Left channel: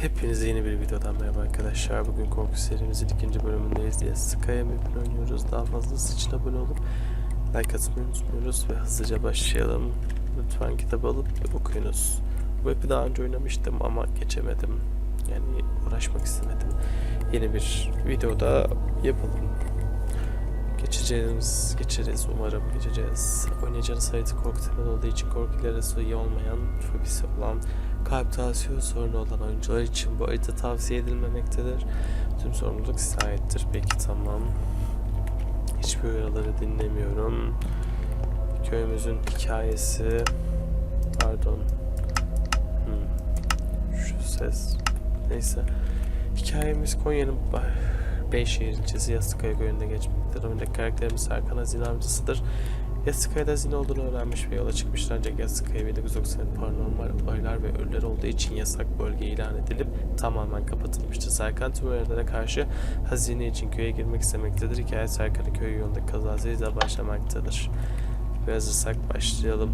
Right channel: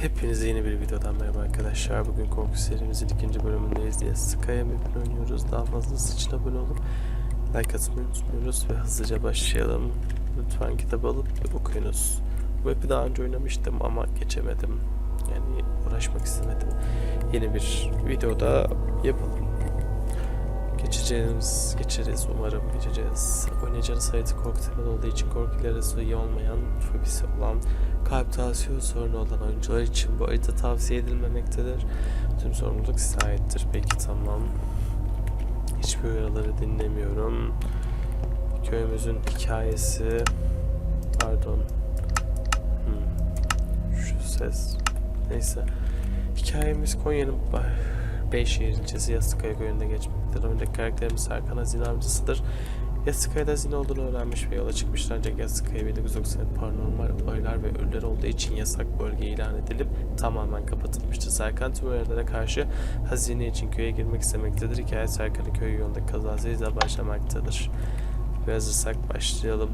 Hepinize yeni bir videodan merhaba arkadaşlar. Bugün korku serimizin ikinci bölümündeyiz diye Sky'a map'ini oynuyoruz. Daha fazlası için abone olup like atmayı unutmuyoruz ve hızlıca başlayalım. Lütfen kitap alıp okuyunuz. Bu map'i daha önce oynamıştım ama geçemedim. Yani uğraşmak istemedim. Yeni bir videoda yapalım. Geçeceğimiz, geçeriz umarım geçeceğiz. Oynayacağınız harita korku temalı olduğu için korku ilerisi iyi olmayan, fobisi olan, kalp tansiyon sorunu olan oyuncular için bu harita tavsiye edilmemektedir. Tüm sorumluluk size aittir. Peki tamam. Hiçbir uyarıları dinlemiyorum. Köyümüzün hikayesi. Pardon. Hmm. Şu ses. Neyse. Hikayemiz Konya'nın Beyşehir ilçesi Yastıkaya köyünde geçmektedir. Oyundaki karakterimiz Serkan Hazine avcısıdır. Yastıkaya'da hazine olduğunu öğrenmiş ve yola çıkmışlar ancak Yastıkaya 1990 paranormal olaylar ve ölüler olduğu için yasak bölge ilan edilip tamamen kapatılmıştır. Serkan tüm uyarılara karşı hazine için köye girmek istemektedir. Hikaye Serkan'ın köy yolundaki kazasıyla başlamaktadır. Ve hazırsak başlayalım.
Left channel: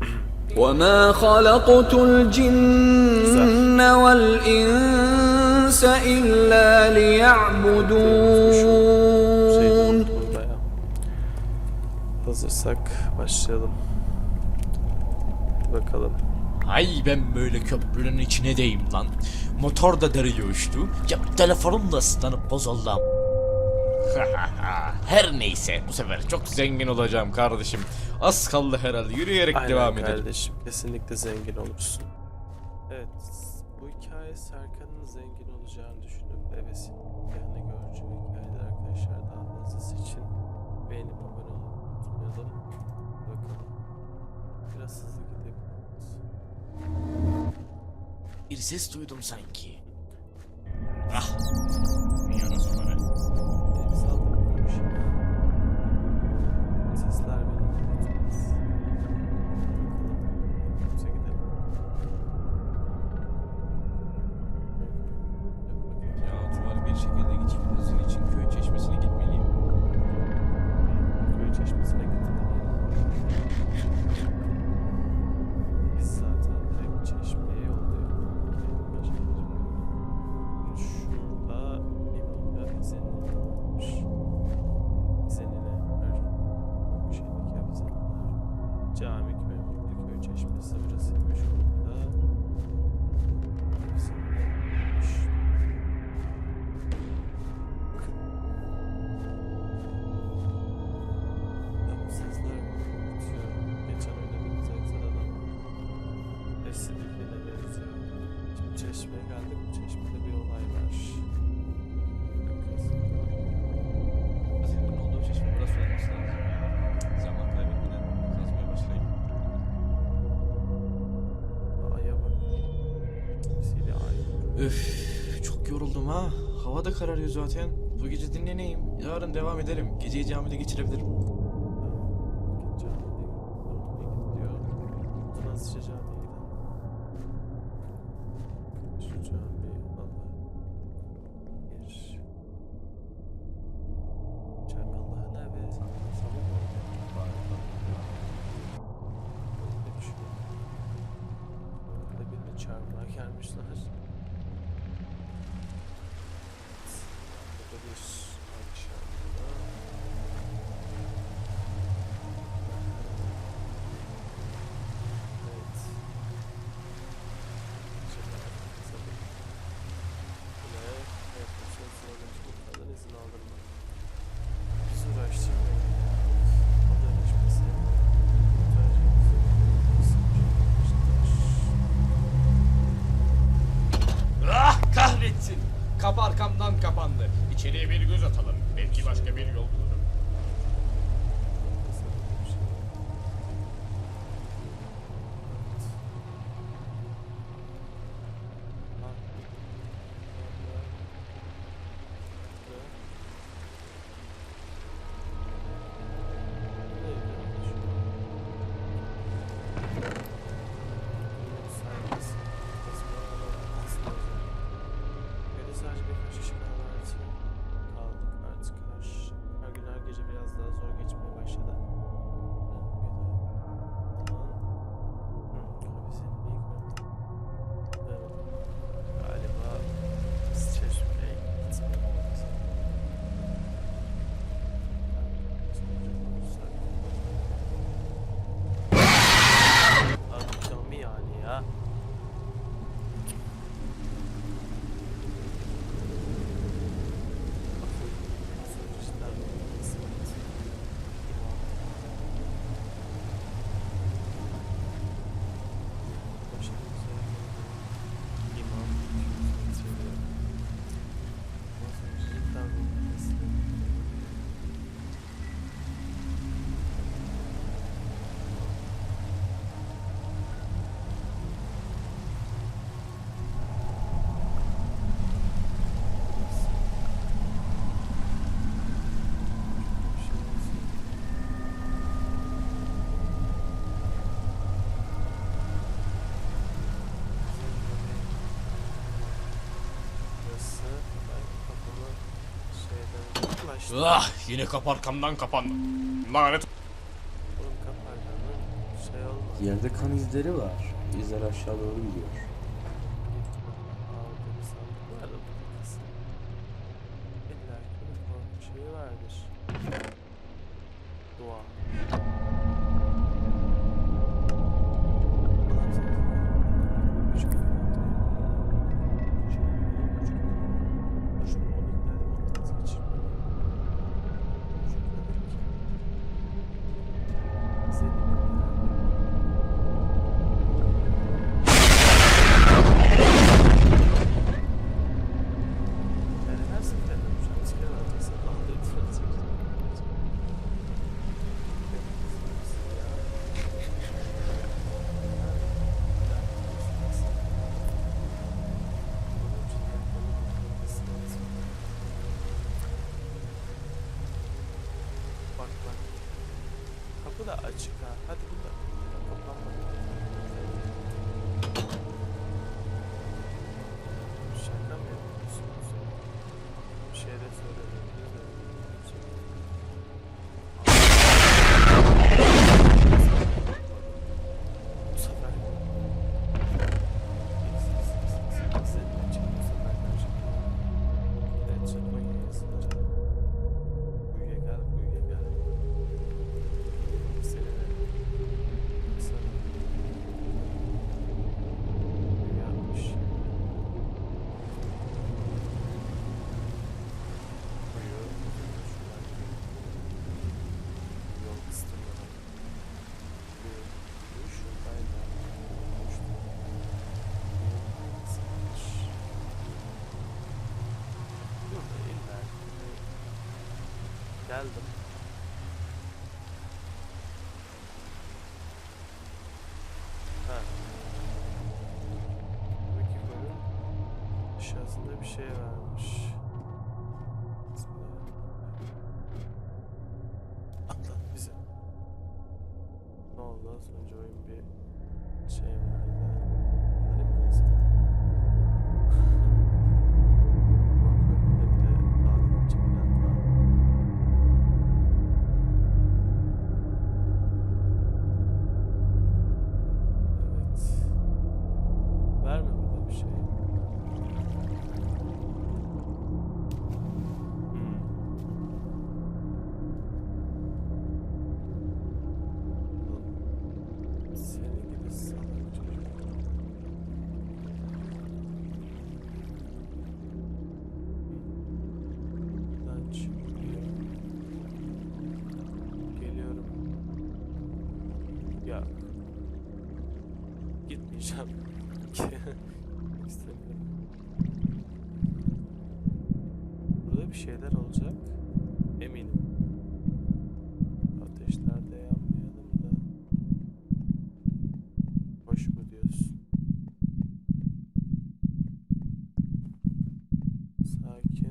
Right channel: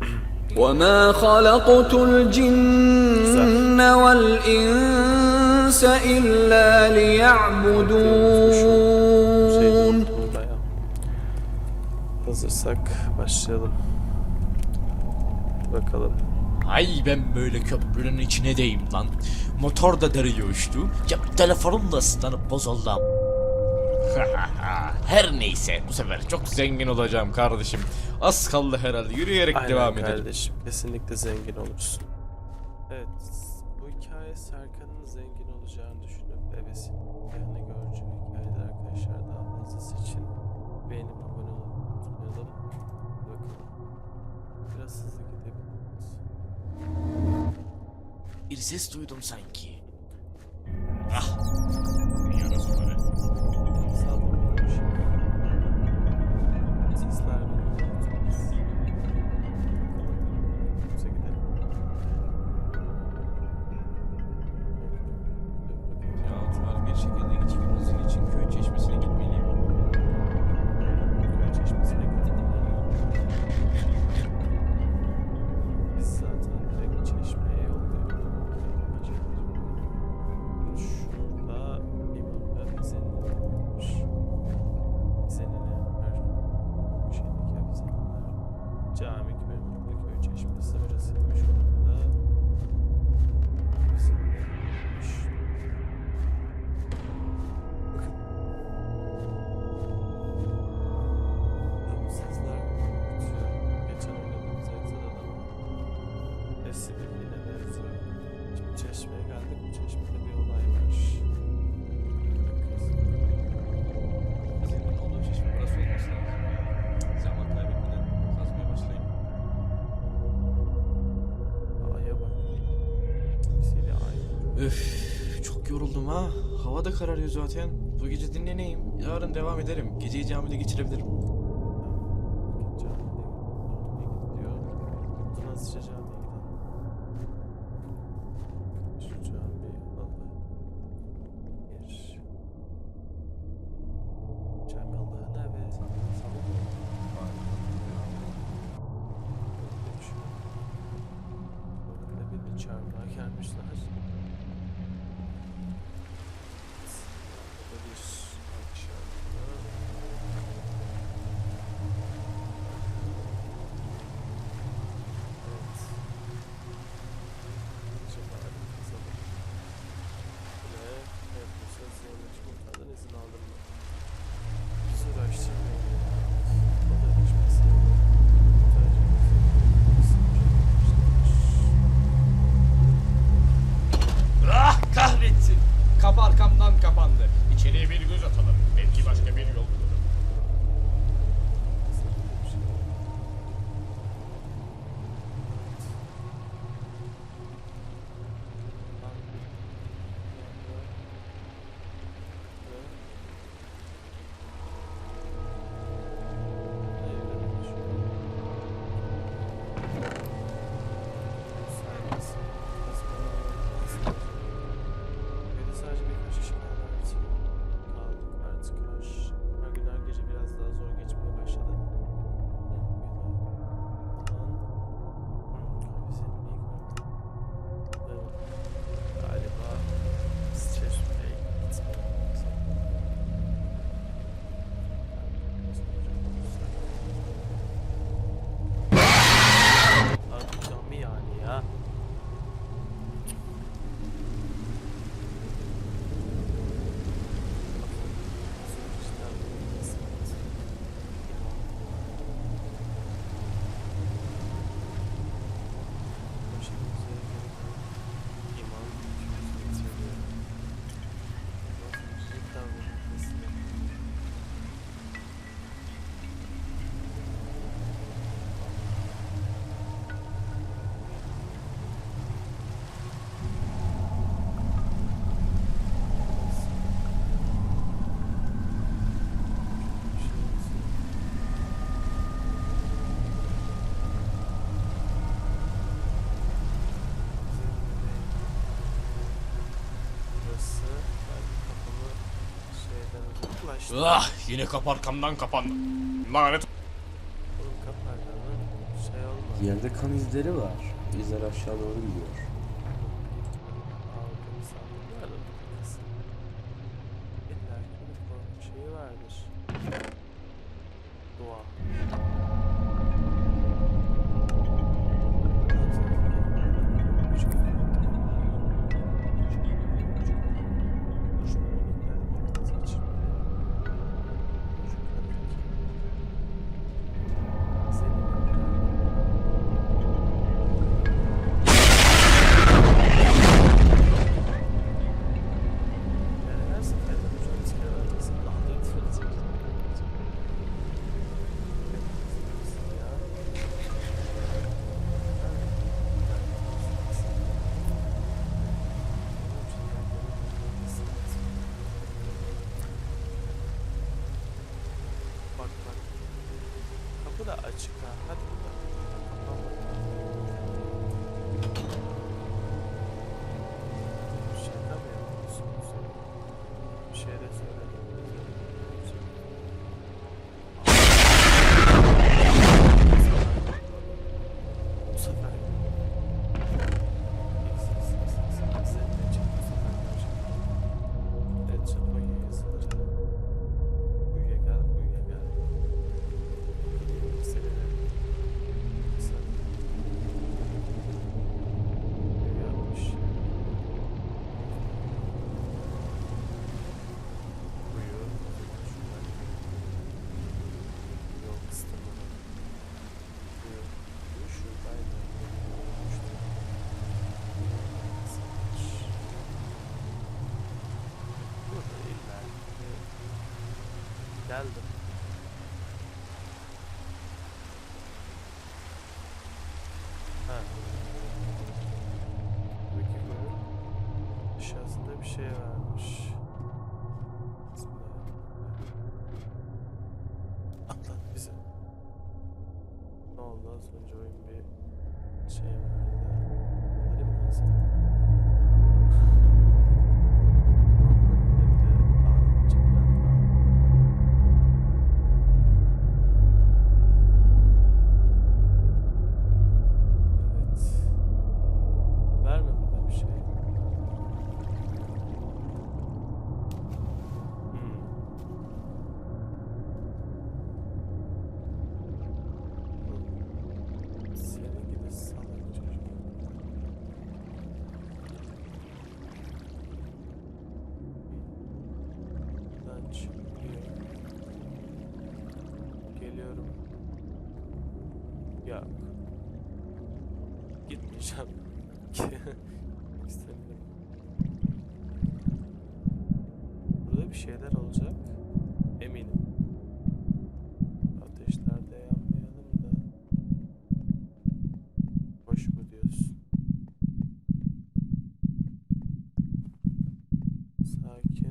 وما خلقت الجن والإنس إلا ليعبدون Hazırsak başlayalım. Bakalım. Ay ben böyle köprünün içine deyim lan. Motor da deriye uçtu. Ya telefonum da ıslanıp bozuldu. Her neyse bu sefer çok zengin olacağım kardeşim. Az kaldı herhalde yürüyerek Aynen devam edelim. kardeşim. Kesinlikle zengin olursun. Evet. Bu hikaye Serkan'ın zengin olacağını düşünüp görücü bir hikayedir arkadaşlar. Daha fazlası için beğenip abone. Hadi Bakalım. Biraz hızlı gidelim. Bir ses duydum sanki. Benim saldırmıyorum şimdi. Hepsi birbirine benziyor. Şimdi çeşmeye geldik. Bu çeşmede bir olay var. Hazinenin olduğu çeşme burası olması lazım. Zaman kaybetmeden kazmaya başlayayım. Aya bak. Kimisiyle ay. Öf çok yoruldum ha. Hava da kararıyor zaten. Bu gece dinleneyim. Yarın devam ederim. Geceyi camide geçirebilirim. Kapandı. İçeriye bir göz atalım. Belki başka bir yol bulurum. burası. Ben kapımı şeyden uzaklaştım. Ah yine kapı arkamdan. Lanet. Oğlum kapı şey olmadı. Yerde kan izleri var. İzler aşağı doğru gidiyor. Aldığını İlla bir korku şeyi vardır. Dua. Bak bak. Kapı da açık ha. Hadi burada. Kapanmadı. Şaka mı yapıyorsunuz ya? Bir şey de söylemediniz Geldim. Ha. Buradaki bölüm aşağısında bir şey varmış. Gitmeyeceğim. İstemiyorum. Burada bir şeyler olacak. Eminim. Ateşlerde yanmayalım da. Hoş mu diyorsun? Sakinim.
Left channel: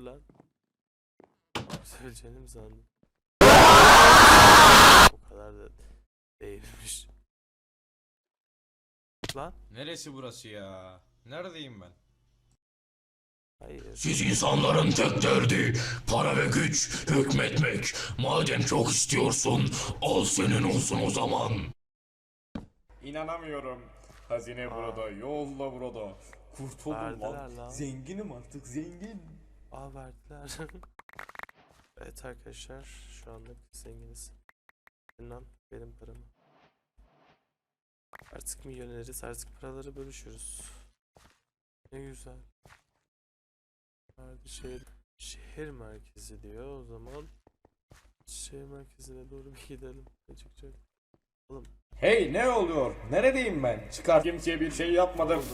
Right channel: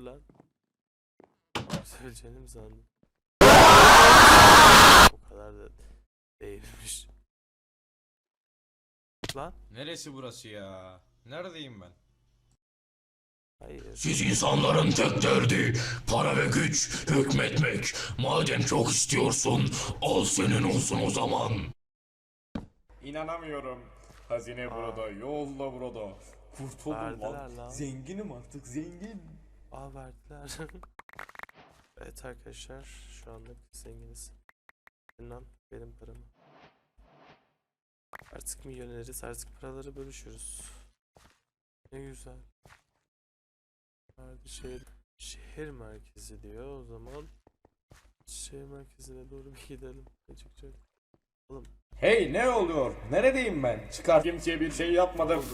Oldu lan? Söyleyeceğini mi sandın? O kadar da değilmiş. Lan? Neresi burası ya? Neredeyim ben? Hayır. Siz insanların tek derdi para ve güç, hükmetmek. Madem çok istiyorsun, al senin olsun o zaman. İnanamıyorum. Hazine burada, yolla burada. Kurtuldum Verdiler lan. lan. Zenginim artık, zengin. Aa verdiler. evet arkadaşlar şu anda zenginiz. İnan benim paramı. Artık milyoneriz artık paraları bölüşürüz. Ne güzel. Harbi şehir, şehir merkezi diyor o zaman. Şehir merkezine doğru bir gidelim. Açıkça. Oğlum Hey ne oluyor? Neredeyim ben? Çıkar. Kimseye bir şey yapmadım.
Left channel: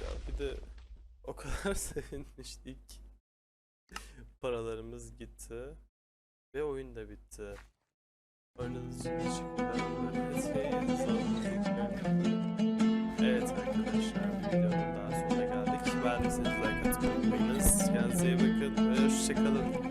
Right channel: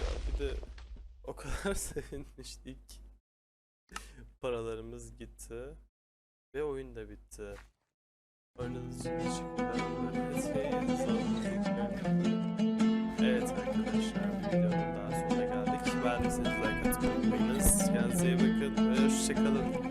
ya bir de o kadar sevinmiştik. Paralarımız gitti. Ve oyun da bitti. Oynadığınız için teşekkürler. Evet arkadaşlar videonun daha sonuna geldik. Beğendiyseniz like atmayı unutmayınız. Kendinize iyi bakın ve hoşçakalın.